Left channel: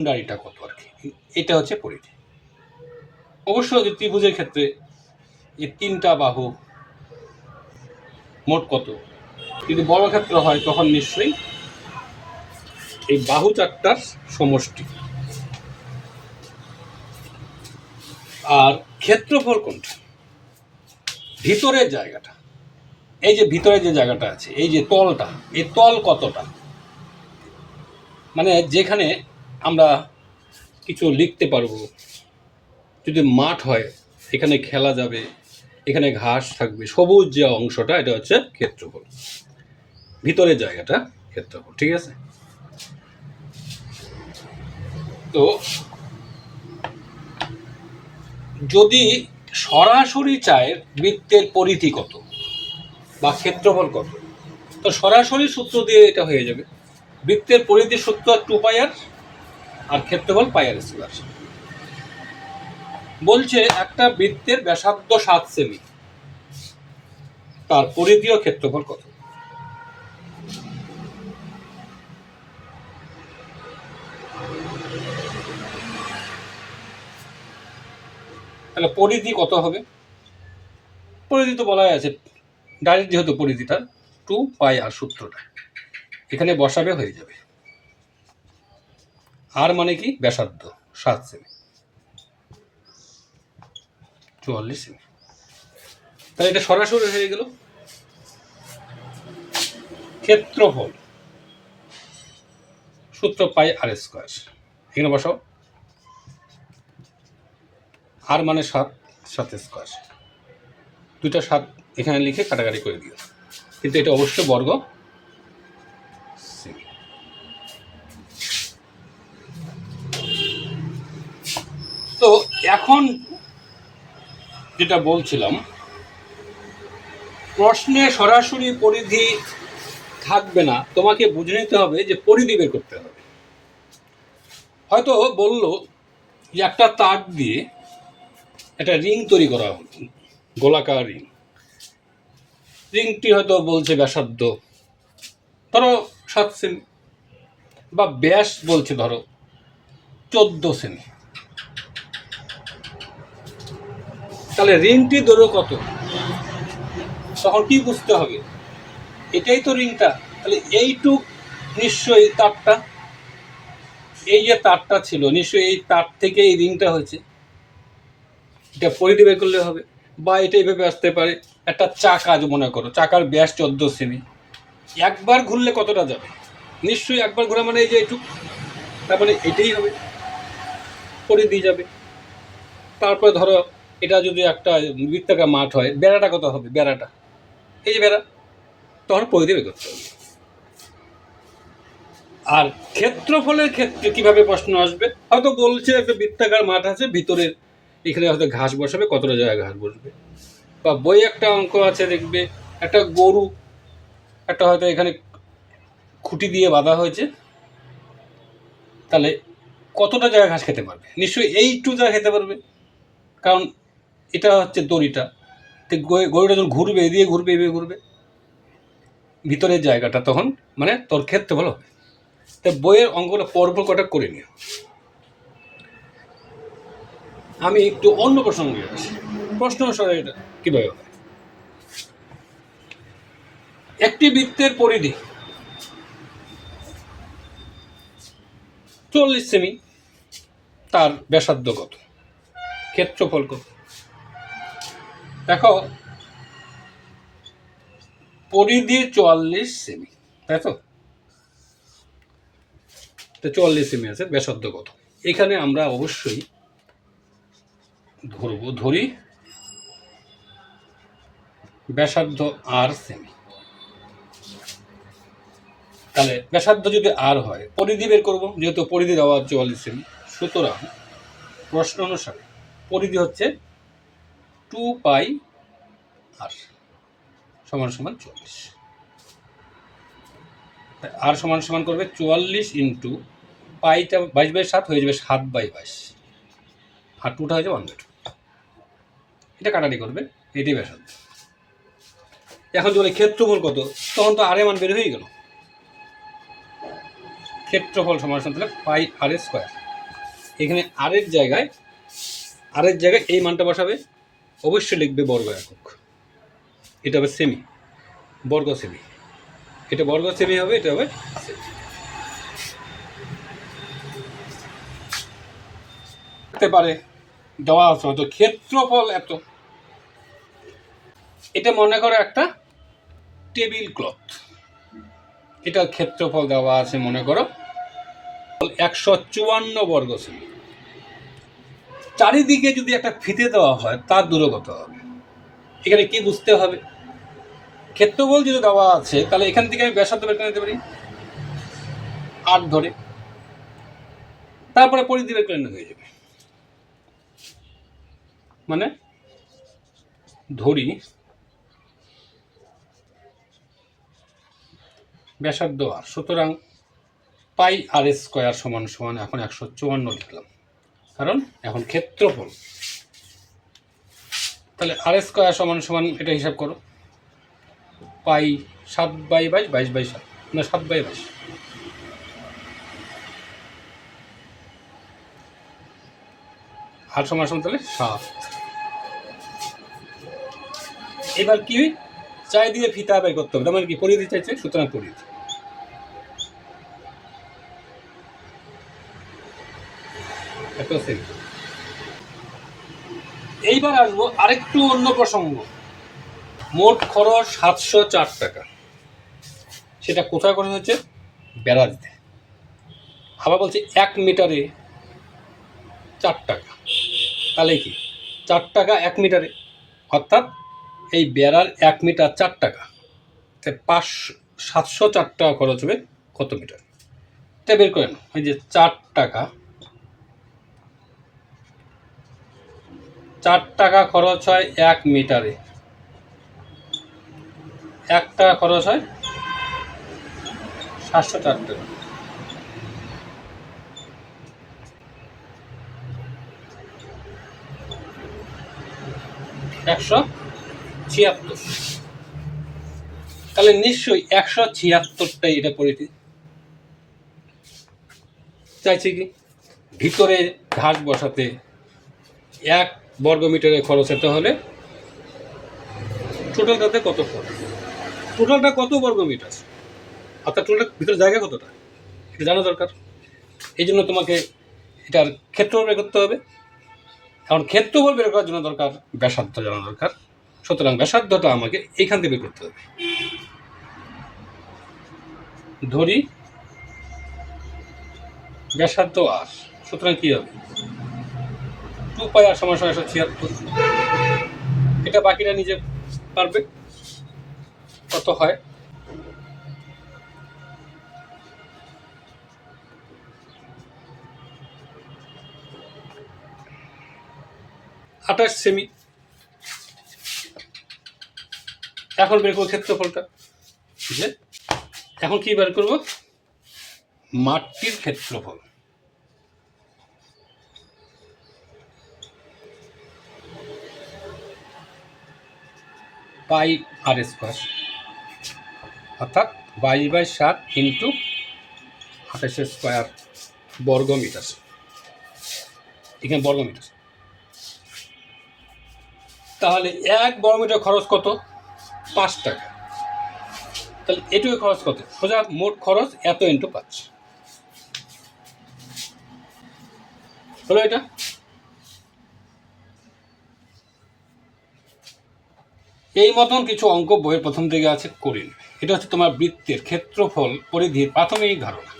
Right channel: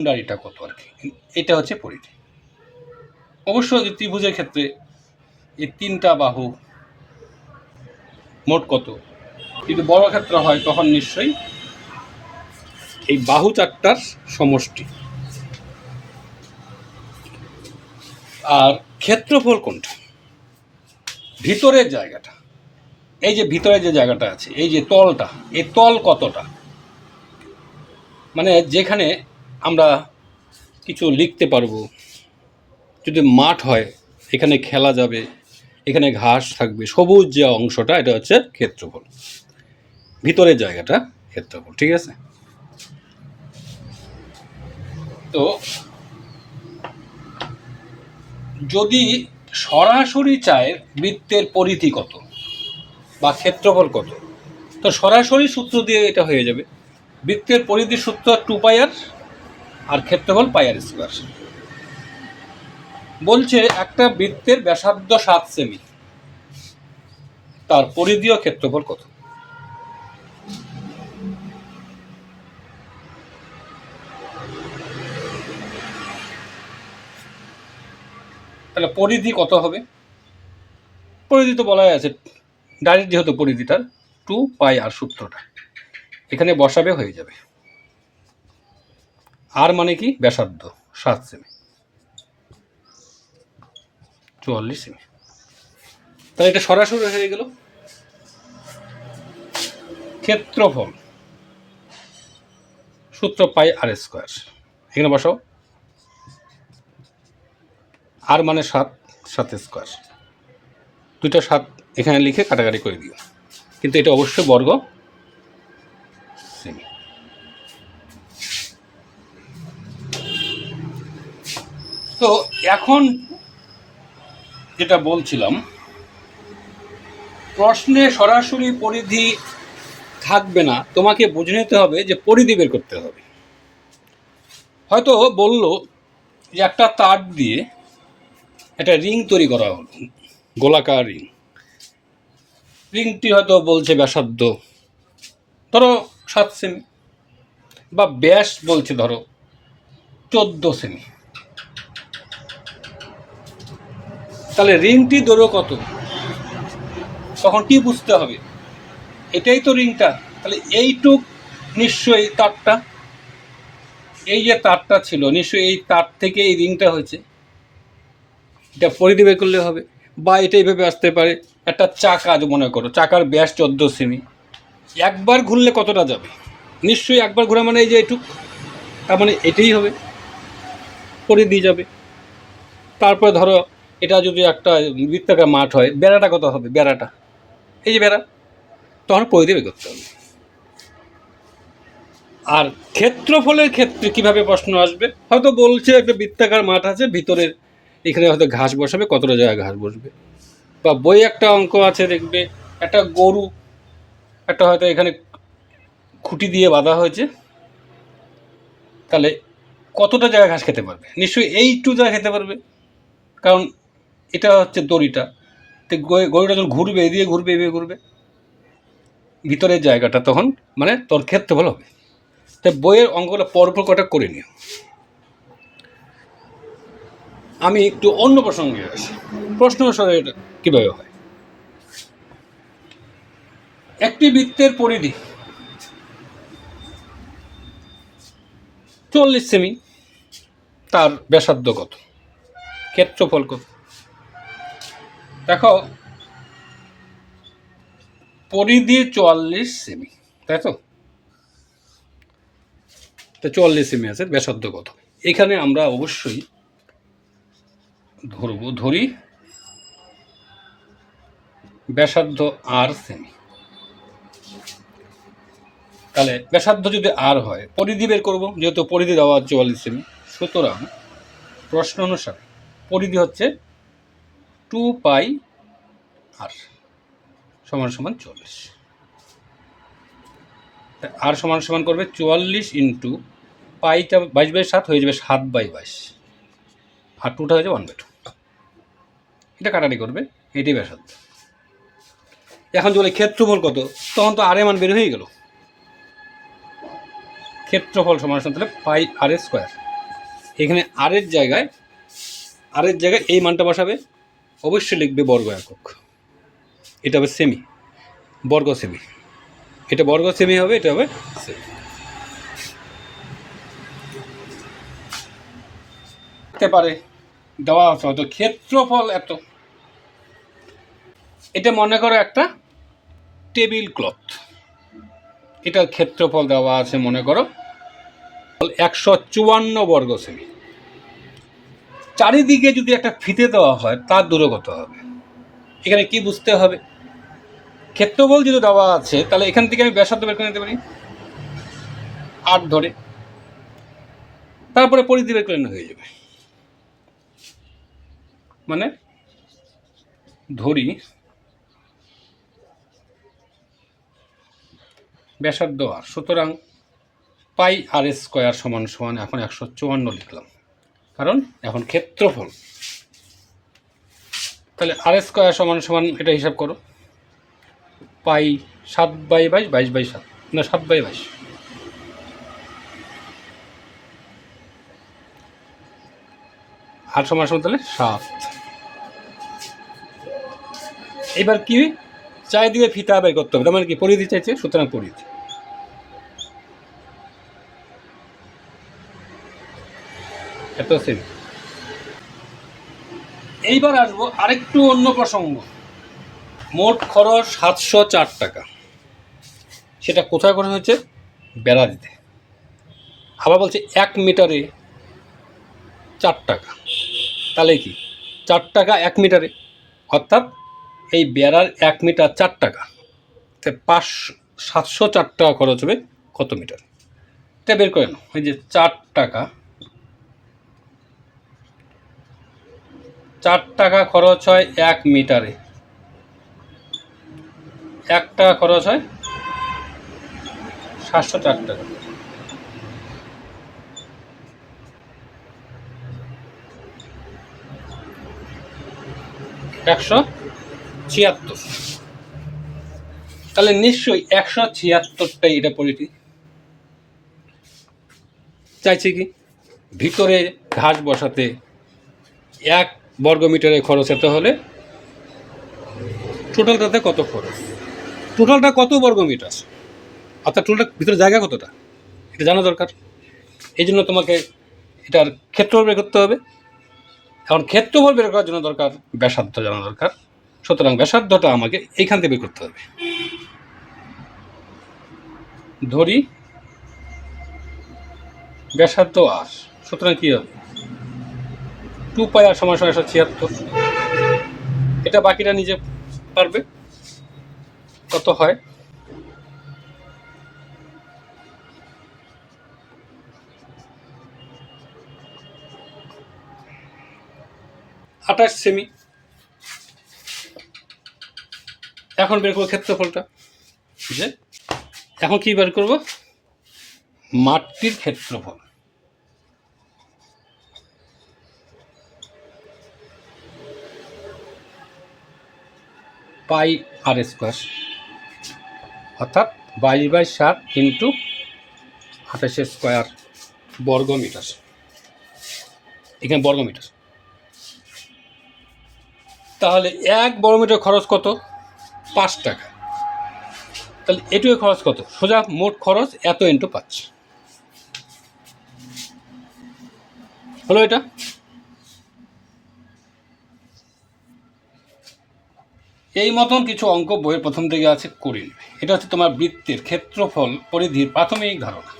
বাউন্ডারিটা কত আর কি? এটা হচ্ছে পরিধি। অবশ্য এই ত্রিভুজের ক্ষেত্রে যে তিনটা বাহু মোট কত? যদি বড় ক্ষেত্র হয়, তখন নিশ্চয়ই এই বাহু চারটার সমষ্টি। আর ক্ষেত্রফল কোনটা? ভিতরের জায়গাটা। এই যে ভিতরে যে জায়গাটা আছে, এই যে তলটা, এই তল কতটা? মানে যেখানে আমরা কিছু লিখতে পারব। যদি মাঠ হয়, এখানে খেলা যাবে, এখানে ঘাস থাকবে, সবুজ যে অংশটা, এটা হচ্ছে ক্ষেত্রফল। ভিতরের জায়গাটা ক্ষেত্রফল, ঠিক আছে? তো যদি সরাসরি চায় বৃত্তের পরিধি কত বা ক্ষেত্রফল কত, তো সরাসরি সূত্র দিয়ে এটা হয়ে যাবে। বৃত্তের পরিধি সূত্র টু পাইয়ার আর ক্ষেত্রফল পাইয়ার স্কোয়ার বলছে, একটা বৃত্তের ব্যাসার্ধ সাত সেমি তার পরিধি ও ক্ষেত্রফল কত? তাহলে পরিধি কত হবে? পরিধি তো বলাই আছে, ডাইরেক্ট যেহেতু পরিধিটা টু পাই আর সূত্রটা। এখানে বসাবে হয়ে যাবে। আর মানে কি? ব্যাসার্ধ, সাত সেমি চুয়াল্লিশ সেমি তাহলে এটা সরাসরি হয়ে গেল ক্ষেত্রফল, সূত্র পাই আর স্কোয়ার এখানে বসাও। আর মানে সাত সাত স্কোয়ার দুইটা সাত এখানে লিখে কাটাকাটি করে দিও। কিন্তু এটা অবশ্যই বর্গ তো এখন যেটা বলছিলাম, প্রশ্নে সরাসরি পরিধি থাকবে না, তোমাকে বুঝে নিতে হবে যে পরিধি বের করতে হবে। হয়তো বলল যে একটা তার দিয়ে একটা রিং তৈরি করা হলো, গোলাকার রিং। রিংটি হয়তো বলছে ব্যাসার্ধ, ধরো সাত সেমি, বা ব্যাস বলছে ধরো চোদ্দ সেমি। তাহলে রিংটি দৈর্ঘ্য কত? তখন কি বুঝতে হবে? এটাই তো রিংটা। তাহলে এইটুক নিশ্চয়ই তারটা। এই যে তারটা ছিল, নিশ্চয়ই এই তার থেকে এই রিংটা হয়েছে। এটা বের করলে হবে। বা এটা এইভাবে আসতে পারে। একটা চাকা মনে করো, চাকার ব্যাস চোদ্দ সেমি। একবার ঘুরলে কতটা যাবে? নিশ্চয়ই একবার ঘোরা মানে এই যে এটুক তার মানে এটাই হবে। পরিধি যাবে। তারপরে ধরো এটা যদি একটা বৃত্তাকার মাঠ হয়, বেড়াটা কত হবে? বেড়াটা। এই যে বেড়া, তখন পরিধি বের করতে হবে। আর ক্ষেত্রফলের ক্ষেত্রে কীভাবে প্রশ্ন আসবে? হয়তো বলছে একটা বৃত্তাকার মাঠ আছে ভিতরের এখানে হয়তো ঘাস বসাবে, কতটা জায়গায় ঘাস বসবে। বা বই একটা অঙ্ক আছে দেখবে, একটা গরু, একটা হয়তো এখানে খুঁটি দিয়ে বাঁধা হয়েছে, তাহলে কতটা জায়গা ঘাস খেতে পারবে? নিশ্চয়ই এইটু জায়গা খেতে পারবে। কারণ এটা হচ্ছে দড়িটা। তো গরুটা যখন ঘুরবে, এদিকে ঘুরবে এভাবে ঘুরবে, ভিতরের জায়গাটা তখন মানে তোর ক্ষেত্রফল হবে তাই বইয়ের অঙ্কটা পরপর কটা করে নিও। আমি একটু অন্য প্রসঙ্গে আসি। প্রশ্ন এটা কীভাবে হয়? একটি বৃত্তের পরিধি চল্লিশ সেমি, তার ব্যাসার্ধ কত? ক্ষেত্রফল কত? দেখো, পরিধি চুয়াল্লিশ সেমি, তাই তো? চুয়াল্লিশ সেমি আছে, ব্যাসার্ধ এখানে আমরা অবশ্যই ধরবো, ধরি ব্যাসার্ধ আর সেমি। তাহলে ব্যাসার্ধ যদি আর হয়, পরিধি বের করব, যেহেতু পরিধি দেওয়া চুয়াল্লিশ সেমি। সুতরাং প্রশ্ন অনুসারে পরিধি হচ্ছে টু পাই আর সমান সমান চল্লিশ। আর সমান সমান করবে চুয়াল্লিশ ইন্টু পাইটা বাইশ বাই সাত হয়ে যাবে সাত বাই বাইশ। আর টুটা হয়ে যাবে ওয়ান বাই টু এটা কাটাটি করবে এটি ব্যাসার্ধ। এখন যদি ক্ষেত্রফল কত, তখন তো আর এ মান বের হয়ে গেল। ক্ষেত্রফল সমান সমান তাহলে পাই আর স্কোয়ার এখানে আর আরের জায়গায় আর আরের জায়গায় এই মানটা বসাবে অবশ্যই লিখবে বর্গ একক। এটা হবে সেমি বর্গ সেমি এটা বর্গ সেমি হবে, এটা হবে থাকতে পারে, দেওয়া আছে, হয়তো ক্ষেত্রফল এত। এটা মনে করো একটা টেবিল ক্লথ। এটা ক্ষেত্রফল দেওয়া আছে, মনে করো, একশো চুয়ান্ন বর্গ সেমি চারিদিকে যদি একটা ফিতে দেওয়া হয়, তার দূরগত হবে। এখানে কি বুঝতে হবে? ক্ষেত্রফল যদি দেওয়া আছে, তাহলে এখান থেকে আমি ব্যাসার্ধ বের করে নিতে পারি। আট ধরে। তারপরে পরিধি বের করে হয়ে যাবে। মানে ধরি ব্যাসার্ধ আর, সুতরাং পাই আর স্কোয়ার সমান সমান এখন একশো চুয়ান্ন লিখলাম। কারণ এখন ক্ষেত্রফল। তাহলে আর স্কোয়ার সমান সমান এটা হিসাব করো। পাই সাত বাই বাইশ বাইশ বাই সাত। না, সাত বাই বাইশ। আর সমান সমান তাহলে সাত। এবার কি? চারিদিকে ফিতা বের করতে হবে। তার মানে কি? পরিধি চাইছে, সুতরাং পরিধি। এত এইবার আসব আরেকটু অন্য প্রসঙ্গ। মোট খরচ সাতশো চার টাকা। সেটা কোথায় করা হয়েছে? বেড়া দিতে আবার বলছে এক মিটারে চার টাকা। তাহলে কি? চার টাকা এক মিটারে। অর্থাৎ এই বেড়ার এক মিটার চার টাকা। তাই পাঁচ সাতশো চার টাকা খরচ হবে কত মিটার? এটা বের করেন, ওই যে চার টাকা চার টাকা খরচ হয় এক মিটারে। এক টাকা খরচ হয় সাতশো চার টাকা। একশো ছিয়াত্তর। তাহলে নিশ্চয়ই একশো ছিয়াত্তরটাই এটা পরিধি। চাইছে কি? ভিতরে ঘাস বসাতে এক বর্গ মিটারে খরচ হতে হলে? টোটালটাতে কত খরচ? টোটালটা কত বর্গ মিটার অর্থাৎ টোটালটা ভিতরে জায়গা কতটা? এটা জানা দরকার। এই জন্য তোমাকে এটার ক্ষেত্রফল বের করতে হবে। এখন ক্ষেত্রফল বের করার জন্য দরকার ব্যাসার্ধ জানা দরকার। সুতরাং ব্যাসার্ধটা আমাকে এইখান থেকে বের করতে হবে। ধরি ব্যাসার্ধ আর সুতরাং কী হবে? টু পাই আর সমান সমান একশো ছিয়াত্তর এটা বাকিরা নিজে পারবে কত হয়। আঠাশ সেমি। এখন বের করব ক্ষেত্রফলটা। যে? এখন কি বের করব? মাটির ক্ষেত্রফল। পাই আর স্কোয়ার অর্থাৎ বাইশ বাই সাত ইন্টু আঠাশ স্কোয়ার বর্গ মিটার এখানে বর্গ মিটার তাহলে এক বর্গ মিটার খরচ কত? পাঁচ টাকা। তাহলে এটুকু খরচ কত? সোজা মোট খরচ এত ইন্টু পাঁচ। হলো এটা? এই মতন কিছু অঙ্ক বইয়ের প্রথম থেকে আছে, করিন। এটা হচ্ছে তোমার বৃত্তের ক্ষেত্রফল পরিধির প্রাথমিক ধারণা।